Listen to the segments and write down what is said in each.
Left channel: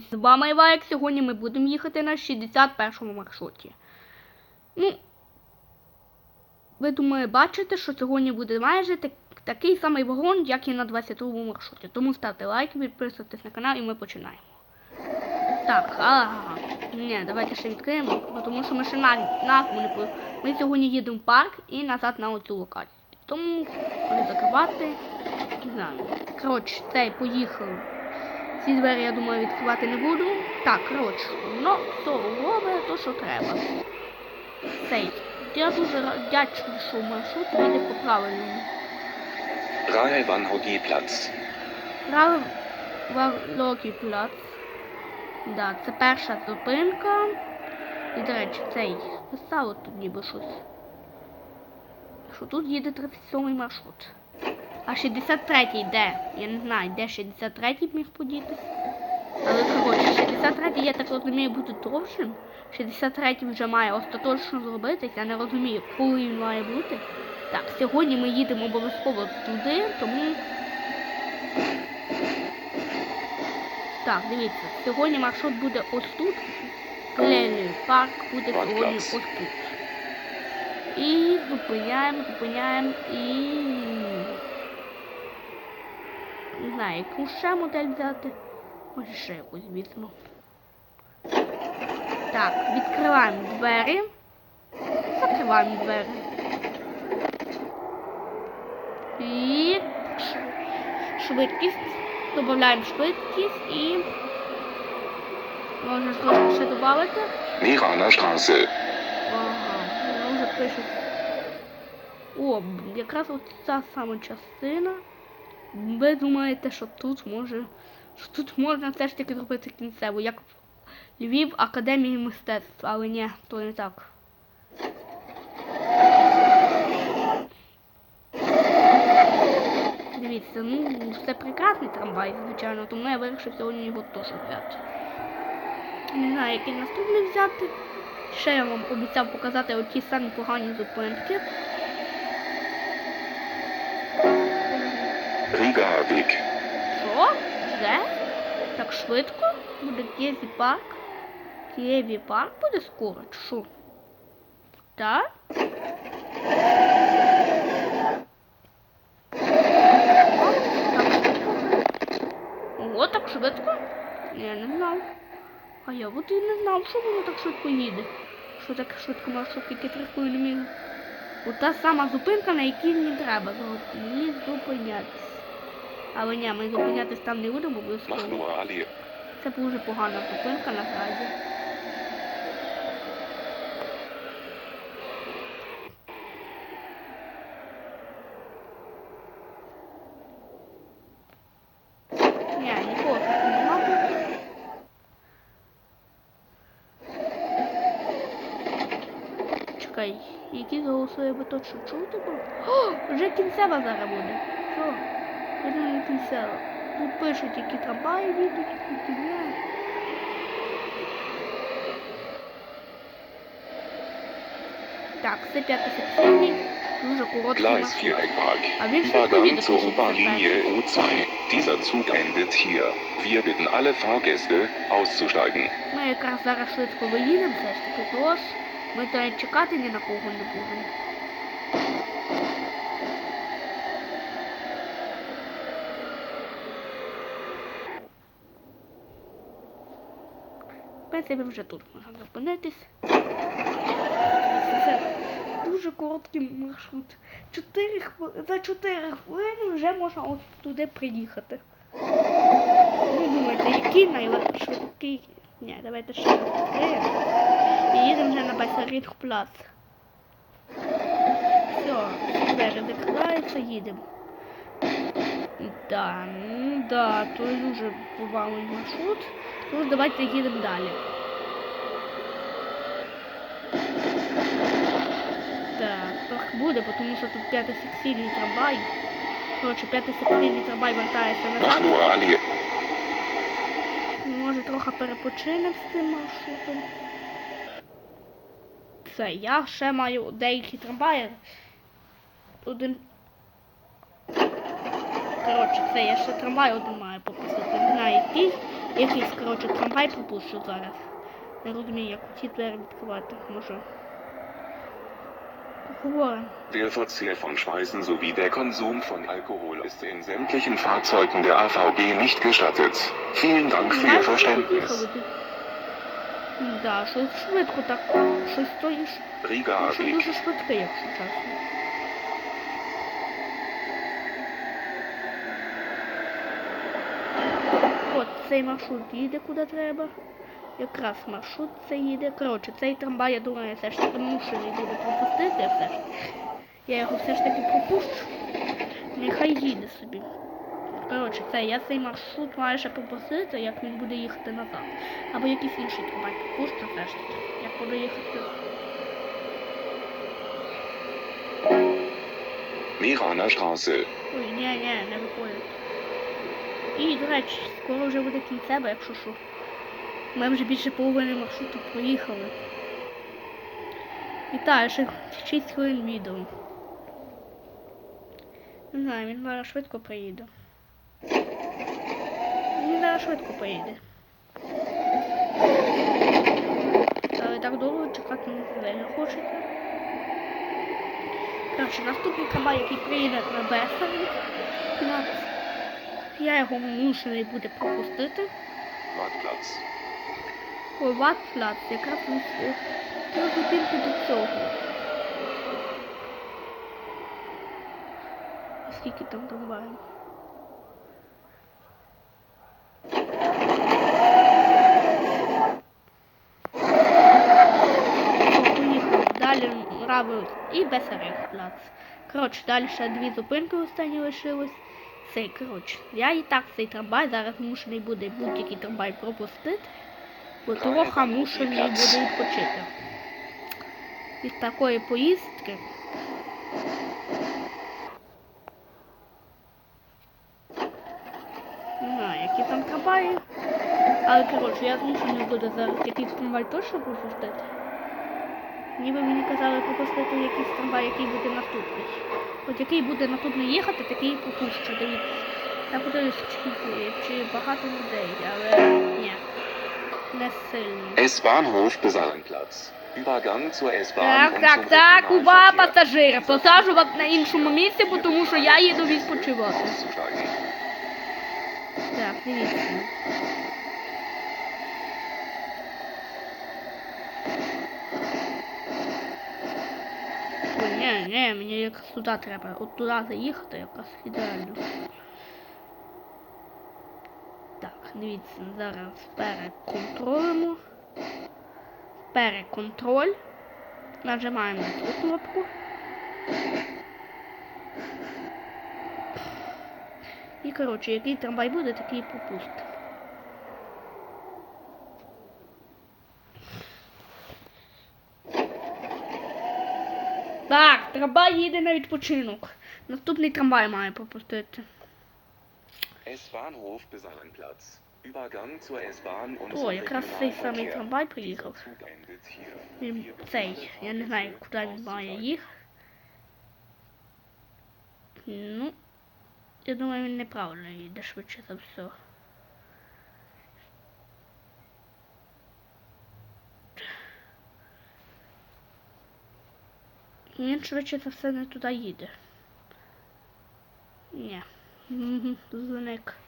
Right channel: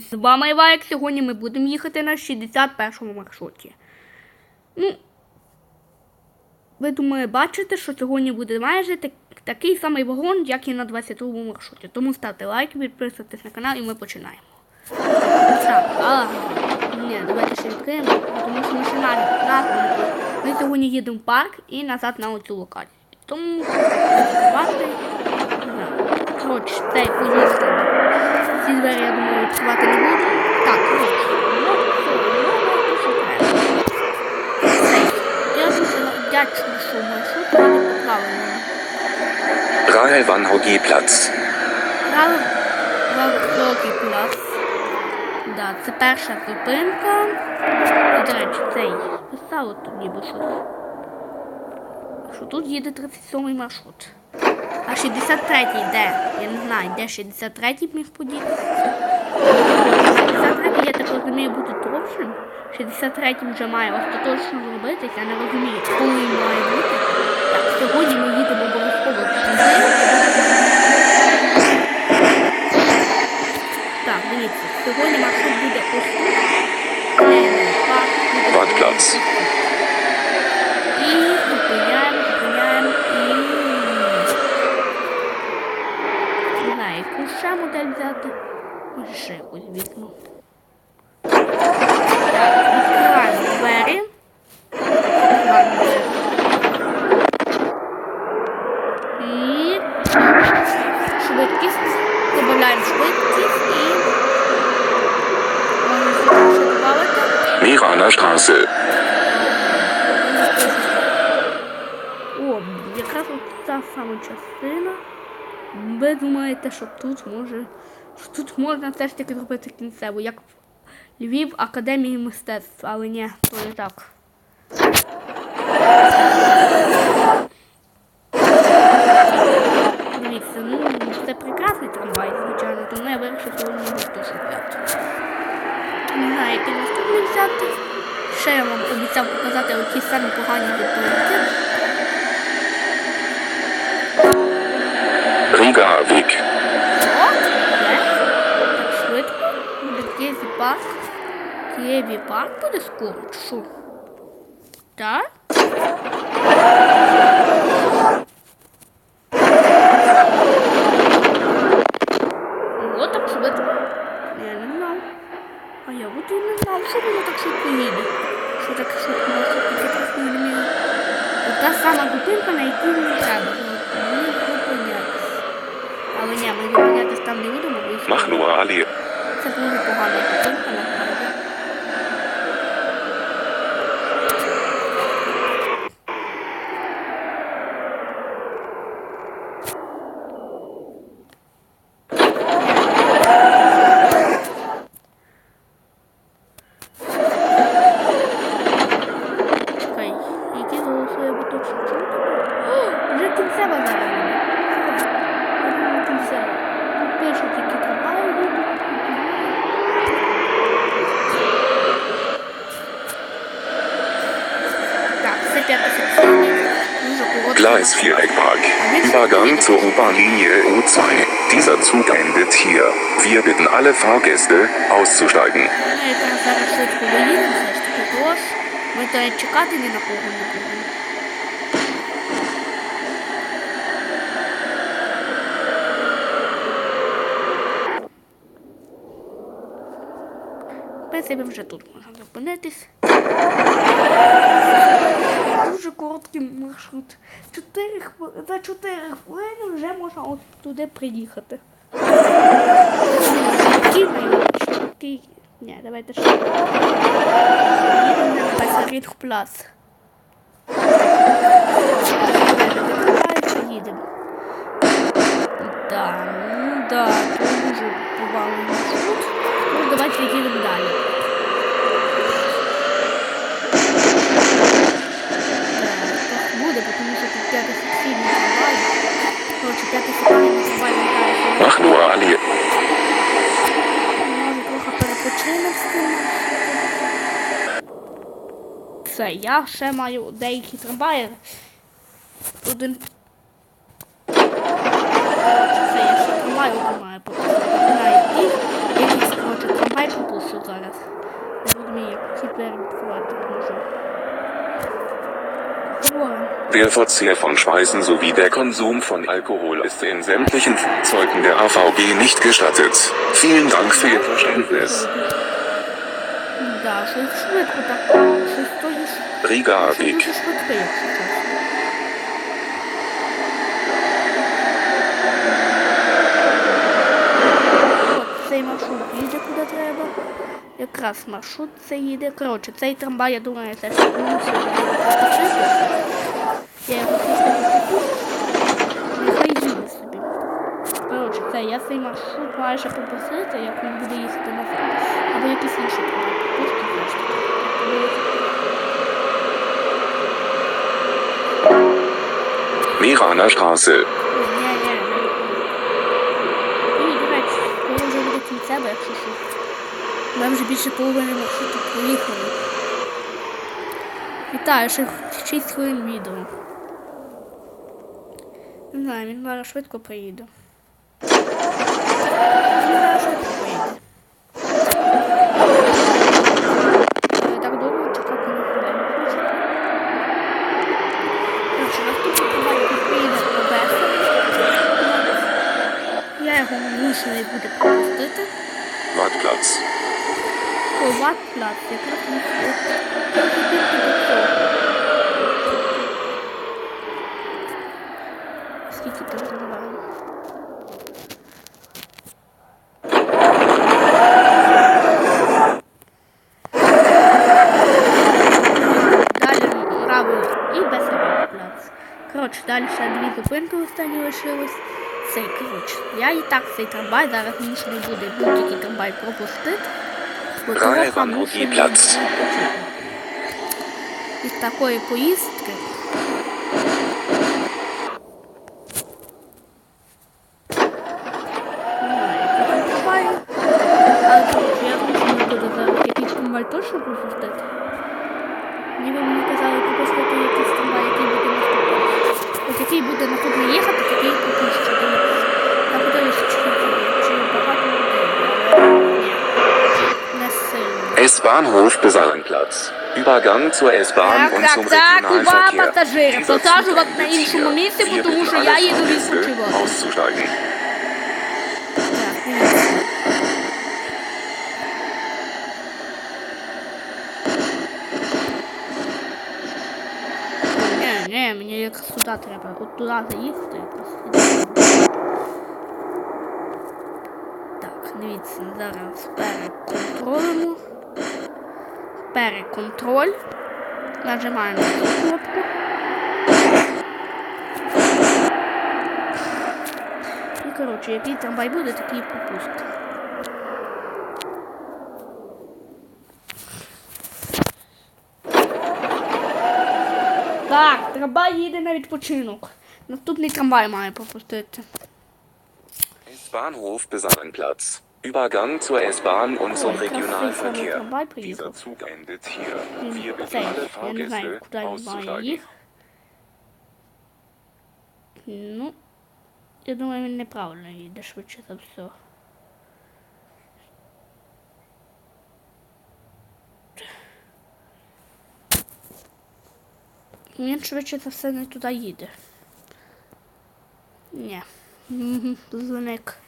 З вами Івайк. Сьогодні ми будемо їхати на 61-му маршруті. Ну, ви думаю, бачите, що сьогодні буде майже так, такий самий вагон, як і на 22-му маршруті. Тому ставте лайки, підписуйтесь на канал і ми починаємо. Так, ага. Ні, давайте ще відкриємо, тому що ми ще навіть назву. Ми сьогодні їдемо в парк і назад на оцю локацію. Тому відкривати. Не знаю. Коротше, цей поїхали. Ці двері, я думаю, відкривати не буду. Так, коротше, ну, все, робимо те, що треба. Цей. Я дуже вдячний, що маршрут їде по правильному. Rahel Van Platz. Грали в великий плац. Да, це перша зупинка. І, до речі, цей писало тут ніби щось. Що тут їде 37-й маршрут. А 63-й де? Я не знаю, де 63-й міг подітися. 63-й, я так розумію, буде довшим. 63-й вже має остаточно зробитися. Я не розумію, коли він має бути. Так, сьогодні ми їдемо обов'язково туди, тому Так, дивіться, сьогодні маршрут буде ось тут. Ленин парк буде сьогодні ось тут. І зупиняємо, зупиняємо і. Не знаю, яку ще модель взяти. Може ще якусь візьму. Так, відкриваємо двері. Відкриваємо двері. І швидкість. Додаємо швидкість і можна сюди ще додати. Meraner Straße. О, якраз от та сама частина. Ви думаєте, що тут може. Що тут можна все ж таки зробити кінцеву, як в Львів Академії мистецтв, але ні, то не так. Дивіться, ну це прекрасний трамвай, звичайно, тому я вирішив сьогодні його теж взяти. Не знаю, який наступний взяти. Ще я вам обіцяв показати оті самі погані зупинки. Riga Weg. О, де? Так швидко? Буде Києві парк. Києві парк буде скоро, чи що? Так? Ого, так швидко? Я не знав. А я от і не знав, що воно так швидко їде. Що так швидко може тільки трохи не От та сама зупинка, на якій мені треба. Мені зупинятися. Але ні, ми зупинятися там не будемо, бо Allee. це дуже погана зупинка, насправді. Ні, не хочу. Чекай, які голосує буточок чути? О, вже кінцева зараз буде. Все, я думаю, кінцева. Тут пишуть, які трамваї їдуть, які ні. Так, це п'ята секційний, дуже короткий. Gleis Viereckpark. Übergang zur U-Bahn-Linie U2. Dieser Zug endet hier. Wir bitten alle Fahrgäste, auszusteigen. Ми якраз зараз швидко доїдемо, все ж таки, тож ми то й чекати ні на кого не будемо. В принципі, вже тут можна зупинитись. Дуже короткий маршрут. Чотири хвили- За 4 хвилини вже можна от туди приїхати. Кіна його такий. Ні, давайте ще. Їдемо на Басаріт Плац. Закривається, їдемо. Да, ну да, дуже маршрут. Ну, давайте їдемо далі. Так, так буде, тому що тут п'ятий секційний трамвай. Коротше, п'ятий секційний трамвай вертається на Machnua Може трохи перепочинемо з цим. Все, я ще маю деякі трамваї. Один. Коротше, це я ще трамвай один маю показати. Не знаю, який. Якийсь, коротше, трамвай. трамвай зараз. Не розумію, як ці двері відкривати можу. Alkohol. Der Verzehr von Speisen sowie der Konsum von Alkohol ist in sämtlichen Fahrzeugen der AVG nicht gestattet. Vielen Dank für Ihr Verständnis. Riga AG. Zajmę się, idzie kuda trzeba. Якраз маршрут це їде. Коротше, цей трамвай, я думаю, це ж мусив пропустити. Я його все-таки. Нехай їде собі. Коротше, це я цей маршрут маю ще пропустити, як він буде їхати назад. Або якийсь інший трамвай пропустити теж. Як буде їхати. Meraner Straße. Ні, ні, не. І, до речі, скоро вже буде кінцево, якщо що. Ми вже більше половини маршруту проїхали. Вітаю, ще 6 хвилин відео. Не знаю, він зараз швидко приїде. Він зараз швидко. Але так довго чекати ніхто не хоче. Коротше, наступний трамвай, приїде на Бесарі. Я його мушений буде пропустити. Wattplatz. Коват плац, якраз не трохи тільки до цього. Скільки там трамваїв? Далі правий і Бесарів плац. Коротше, далі ще дві зупинки останні лишилось. Цей, коротше, я і так цей трамвай зараз мушений буде будь-який трамвай пропустити. Бо того Правильно, хамушений буде відпочити. Такої поїздки. Не там зараз якийсь трамвай точно пропустити. Ніби мені казали пропустити якийсь трамвай, який буде наступний. От який буде наступний їхати, такий. Я подивлюся, чи, чи багато людей, S-Bahnhof Besarenplatz. Übergang zur S-Bahn Так, und zum так, так, увага, Regionalverkehr. пасажири. На іншому місці, бо тому що я їду відпочивати. Auszusteigen. Так, дивіться. Ні, ні, мені якраз сюди треба. От туди заїхати якраз. ідеально. Так, дивіться, зараз переконтролимо. Переконтроль. Нажимаємо на цю кнопку. І коротше, який трамвай буде, такий пропустить. Так, трамвай їде на відпочинок. Наступний трамвай має пропустити. S-Bahnhof Besarenplatz. Übergang zur S-Bahn und zum Ой, якраз Regionalverkehr. Dieser. Zug endet hier. Він Wir alle я Fahrgäste auszusteigen. Ну, я думаю, він неправильно їде швидше за все. Він швидше за все не туди їде. Ні. Зник.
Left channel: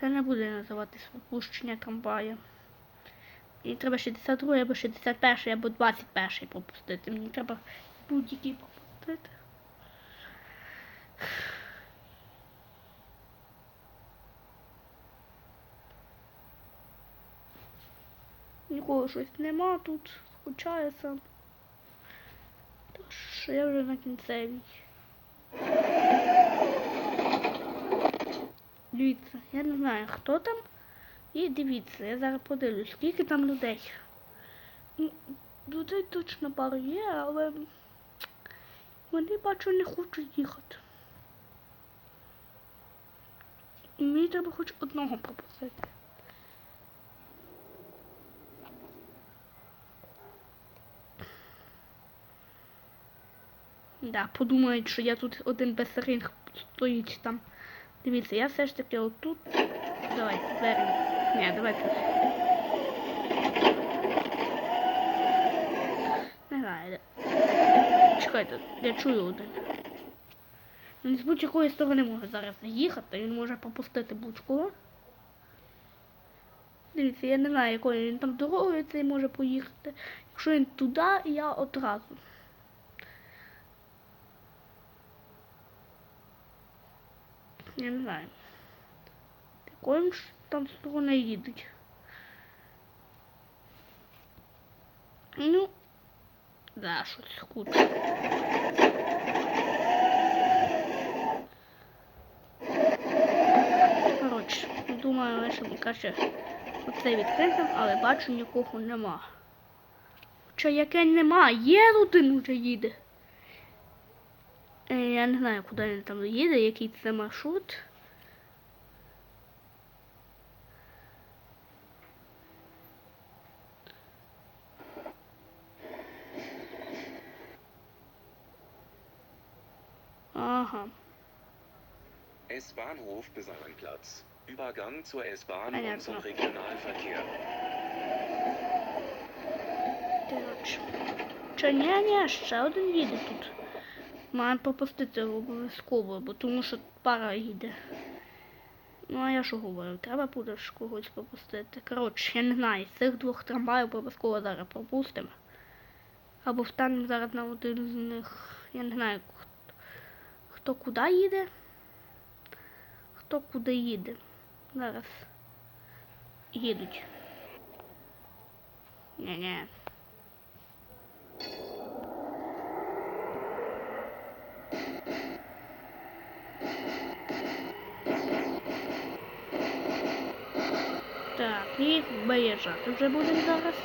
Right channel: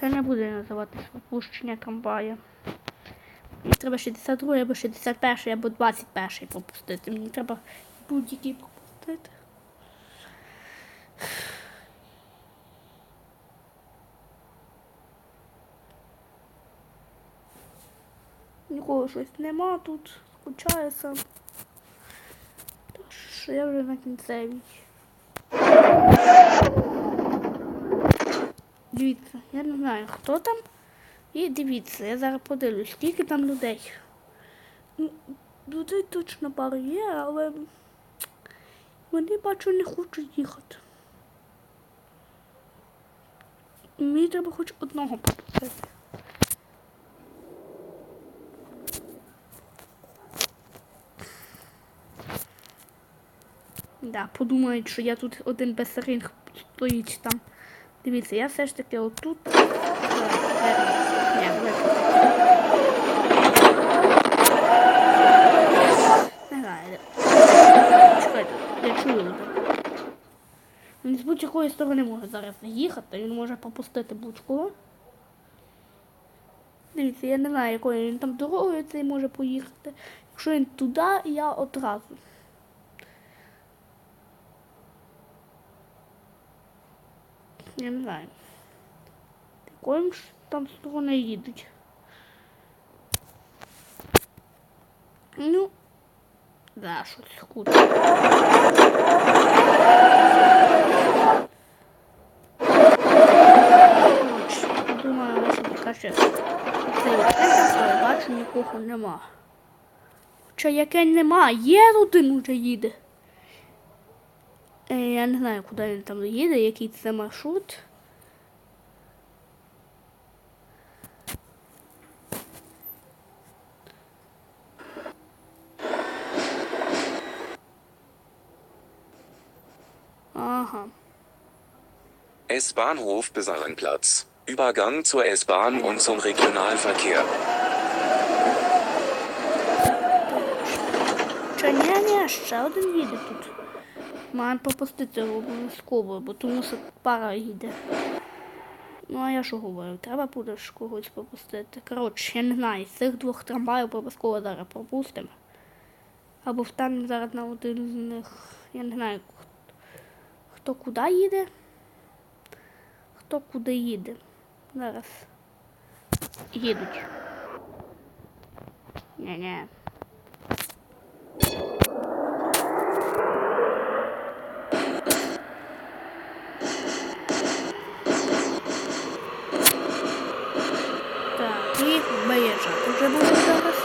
Це не буде називатися опущення трамвая. Мені треба 62 або 61 або 21 пропустити. Мені треба будь-який пропустити. Нікого щось нема тут, скучаю сам. Тож я вже на кінцевій. Дивіться, я не знаю, хто там. І дивіться, я зараз подивлюсь, скільки там людей. Ну, людей точно пару є, але вони бачу не хочуть їхати. Мені треба хоч одного пропустити. Да, подумають, що я тут один безсеринг стоїть там. Дивіться, я все ж таки отут. Давай, Ні, давай. Негайно. Чекайте, я чую удар. Він з будь-якої сторони може зараз їхати, він може пропустити будь-кого. Дивіться, я не знаю, якою він там дорогою цей може поїхати. Якщо він туди, я одразу. Я не знаю. Якою ж там сторони їдуть. Ну, да, щось круто. Коротше, думаю, лише краще цей відкрити, але бачу, нікого нема. Хоча яке нема, є один уже їде. Е, Я не знаю, куди він там їде, який це маршрут. Ага. S-Bahnhof Besarenplatz. Übergang zur S-Bahn und zum Regionalverkehr. Чи ні, ні, ще один їде тут. Маємо пропустити обов'язково, бо тому що пара їде. Ну, а я що говорю, треба буде ж когось пропустити. Коротше, я не знаю, з цих двох трамваїв обов'язково зараз пропустимо. Або встанемо зараз на один з них. Я не знаю, хто, хто куди їде. Хто куди їде. Зараз. Їдуть. Ні-ні. Так, і виїжджати вже будемо зараз.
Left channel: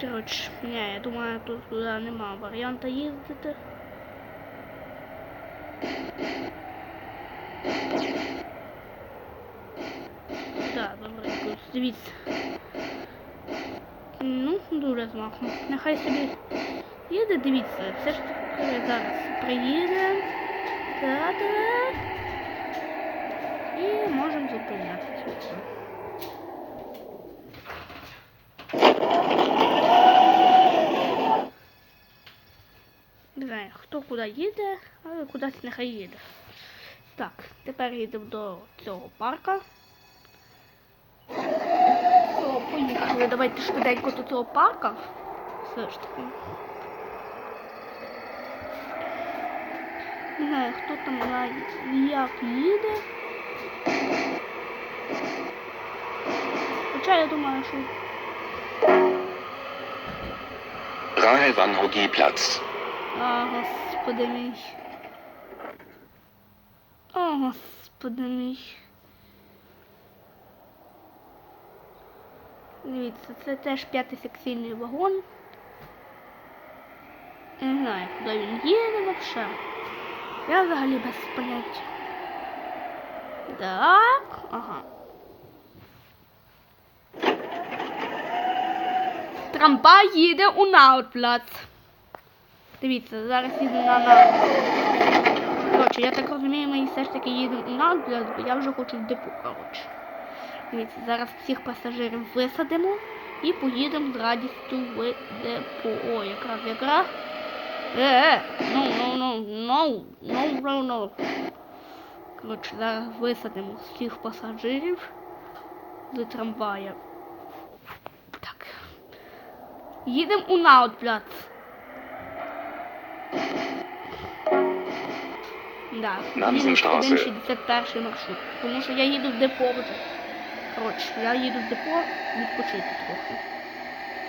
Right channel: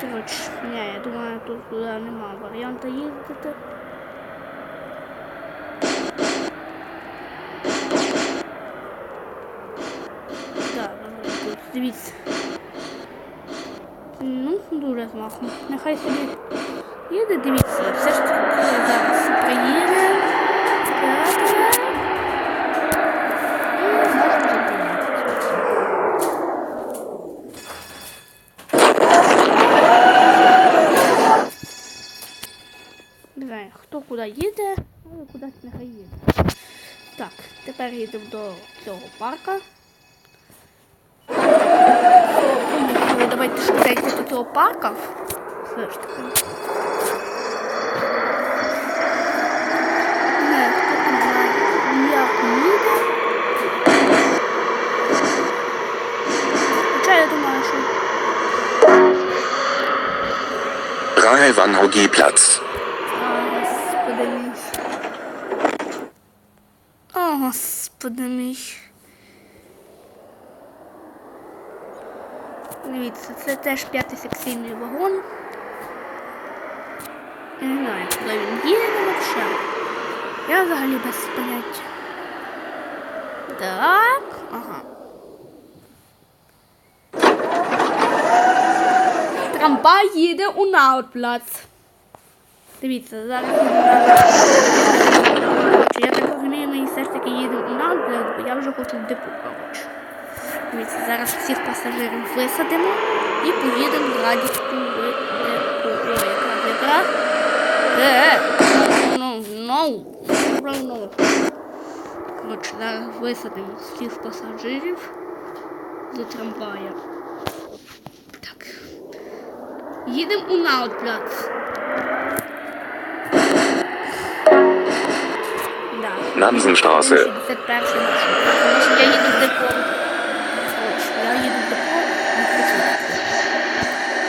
Коротше, ні, я думаю, тут туди нема варіанту їздити. Так, добре, дивіться. Ну, дуже змахом. Нехай собі їде, дивіться, все ж таки зараз приїде. Так. І можемо зупинитися. Не знаю, хто куди їде, але кудись. Так, тепер їдемо до цього парка. Поїхали, давайте швиденько до цього парка. Все ж таки. Не хто там знає, як їде. Хоча я думаю, що Rahel Platz. А, господи мій. Господи мій. Дивіться, це теж п'ятий секційний вагон. Не знаю, куди він їде взагалі. Я взагалі без поняття. Так, ага. Трамвай їде у Наутплац. Дивіться, зараз їду на на- Коротше, я так розумію, ми все ж таки їдемо у Наутплац, бо я вже хочу в коротше. Дивіться, зараз всіх пасажирів висадимо і поїдемо з радістю в депо. О, якраз якраз. Е, е, ну, ну, ну, ну, ну, ну. Коротше, зараз висадимо всіх пасажирів з трамвая. Так. Їдемо у Да. Нансенstraße. 61 маршрут. Тому що я їду в депо. Коротше, я їду в депо, не хочу. тут.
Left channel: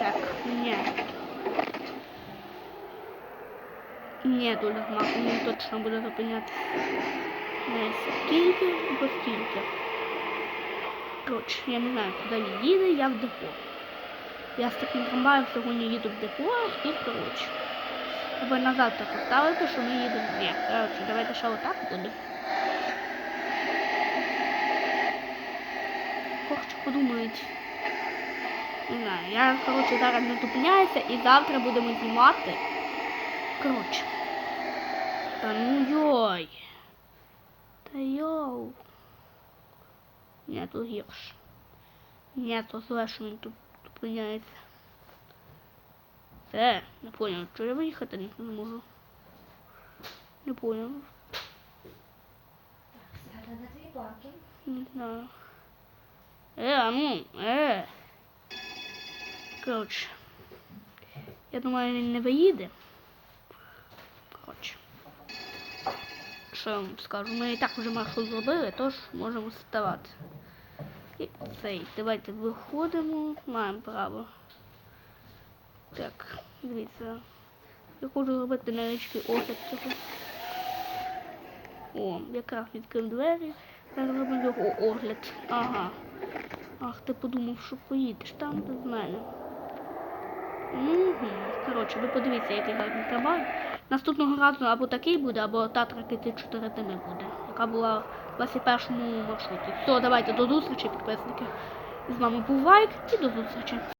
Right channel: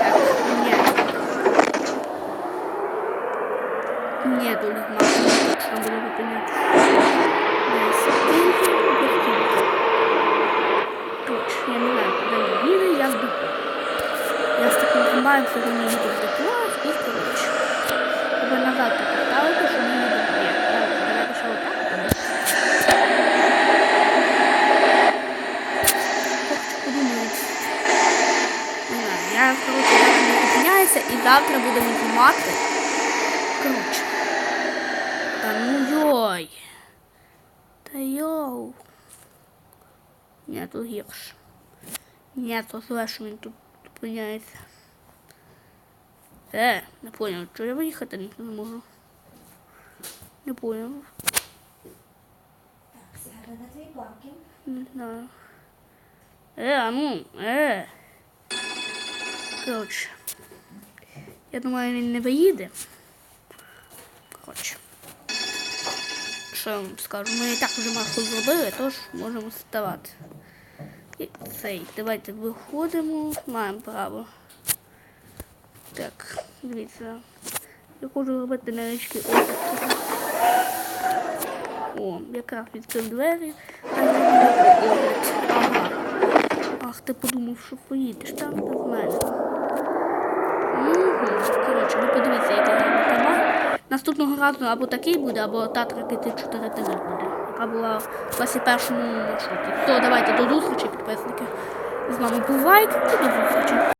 Так, ні. Ні, тут нема, не точно буде зупиняти. Десь скільки, до скільки. Коротше, я не знаю, куди їде, я в. Я з таким трамваєм сьогодні їду в депо і коротше. Треба назад поставити, що ми їдемо. Ні, давайте ще отак. Коротше, подумають. Не знаю, я, коротше, і завтра будемо знімати. Коротше. Та ну йой. Та йоу. Ні, то гірше. Ні, то зле, що він тут зупиняється. Е, не поняв, що я виїхати не можу. Не паркінг. Не знаю. Е, а ну, е. Коротше. Я думаю, він не виїде. Коротше. Що я вам скажу? Ми і так вже масло зробили, тож можемо ставати. Цей. Давайте виходимо. Маємо право. Так, дивіться. Я хочу зробити невеличкий огляд. цього. О, якраз відкрив двері, та я роблю огляд. Ага. Ах, ти подумав, що поїдеш там без мене. Угу. Коротше, ви подивіться, який гарний трамвай. Наступного разу або такий буде, або та 34 ТВ буде, яка була в 21 маршруті. То давайте до зустрічі, підписники. З вами був Вайк і до зустрічі.